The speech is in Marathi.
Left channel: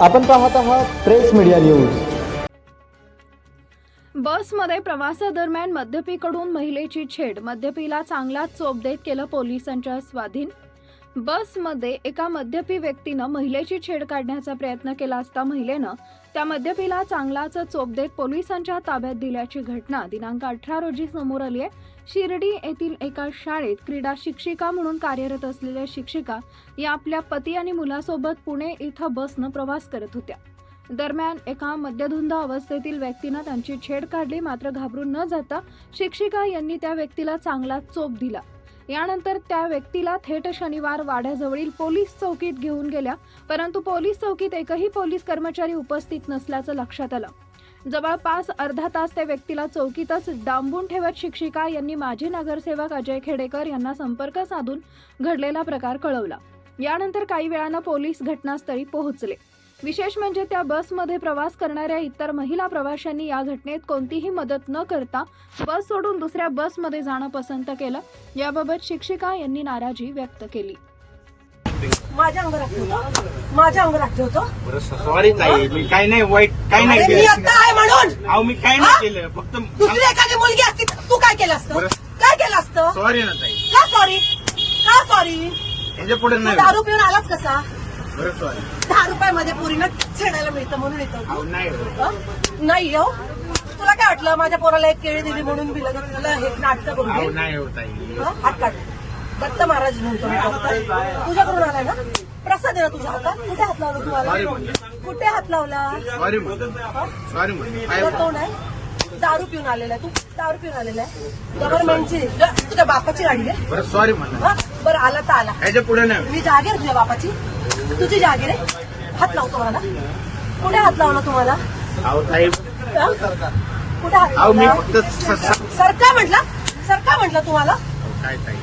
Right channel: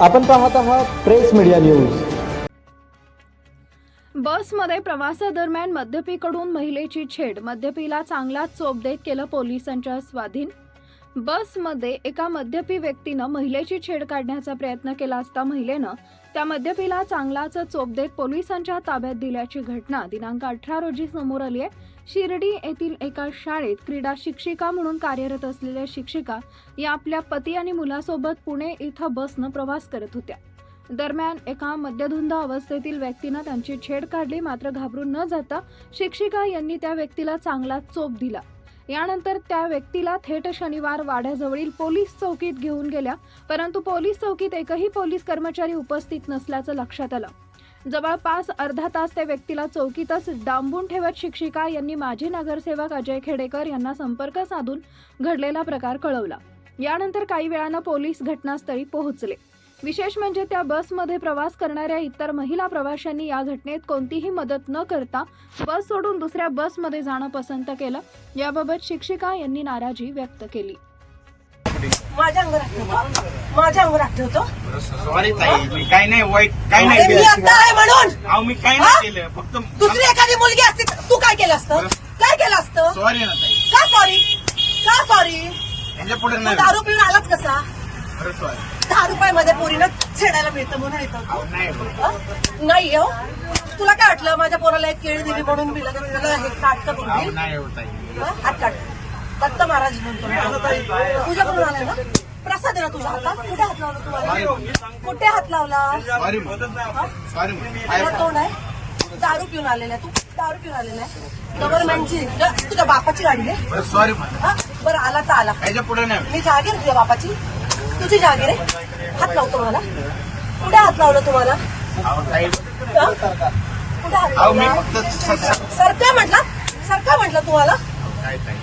आपण पाहत आहात प्रेस मीडिया न्यूज. बसमध्ये प्रवासादरम्यान मद्यपीकडून महिलेची छेड मद्यपीला चांगलाच चोप देत केलं पोलिसांच्या स्वाधीन बसमध्ये एका मद्यपी व्यक्तीनं महिलेची छेड काढण्याचा प्रयत्न केला असता महिलेनं त्या मद्यपीला चांगलाच चोप देत पोलिसांच्या ताब्यात दिल्याची घटना दिनांक अठरा रोजी समोर आली आहे शिर्डी येथील एका शाळेत क्रीडा शिक्षिका म्हणून कार्यरत असलेल्या शिक्षिका या आपल्या पती आणि मुलासोबत पुणे इथं बसनं प्रवास करत होत्या. दरम्यान एका मद्यधुंद अवस्थेतील व्यक्तीनं त्यांची छेड काढली मात्र घाबरून न जाता शिक्षिका यांनी त्या व्यक्तीला चांगला चोप दिला. यानंतर त्या व्यक्तीला थेट शनिवार वाड्याजवळील पोलीस चौकीत घेऊन गेल्या परंतु पोलीस चौकीत एकही पोलीस कर्मचारी उपस्थित नसल्याचं लक्षात आलं. जवळपास अर्धा तास त्या व्यक्तीला चौकीतच डांबून ठेवत शिक्षिका यांनी माजी नगरसेवक अजय खेडेकर यांना संपर्क साधून घडलेला प्रकार कळवला. यानंतर काही वेळानं पोलीस घटनास्थळी पोहोचले. विशेष म्हणजे त्या बसमध्ये प्रवास करणाऱ्या इतर महिला प्रवाशांनी या घटनेत कोणतीही मदत न करता बस सोडून दुसऱ्या बसमध्ये जाणं पसंत केलं. याबाबत शिक्षिका यांनी नाराजी व्यक्त केली. माझ्या अंगावर ठेवतो. माझ्या अंगावर ठेवतो. सॉरी ताई मी काही नाही वाईट काही नाही अरे मी केलं. आता आहे म्हणून. अहो मी काही? नाही केलं फक्त दुसरी एखादी मुलगी असती तर तू काय केलं असतं? बरं. काय केलं असतं? सॉरी ना ताई. का सॉरी का सॉरी याच्यापुढे तू नाही. दारू पिऊन आलाच कसा? बरं सॉरी दहा रुपयामध्ये पोरीनं छेडायला मिळतं म्हणून येतं. नाही हो. नाही हो. तुला काय वाटलं? माझ्या पोराला एक केळी दिली म्हणून दिलं तर हे नाटकं करून हो? हात काढ. दत्त महाराज म्हणतो तुझ्याकडून आला ना? प्रसाद आहे ना तुझा हातात कुठे हात लावला तू कुठे हात लावला? तोंड आहे दारू पिऊन आलेला आहे तू. दारू पिऊन आलेला आहे. गव्हर्नमेंटची तुझ्या बापाची गाडी आहे. बरं सॉरी बरं आला तर आला. पुढे नाही. मी जागीर तुझ्या बापाची. तुझी जागीर आहे हात लावतो मला. कुठे हात लावला तुम्हाला? कुठे हात लावला? सरका म्हटलं. सरका म्हटलं तुम्हाला. काय ताई?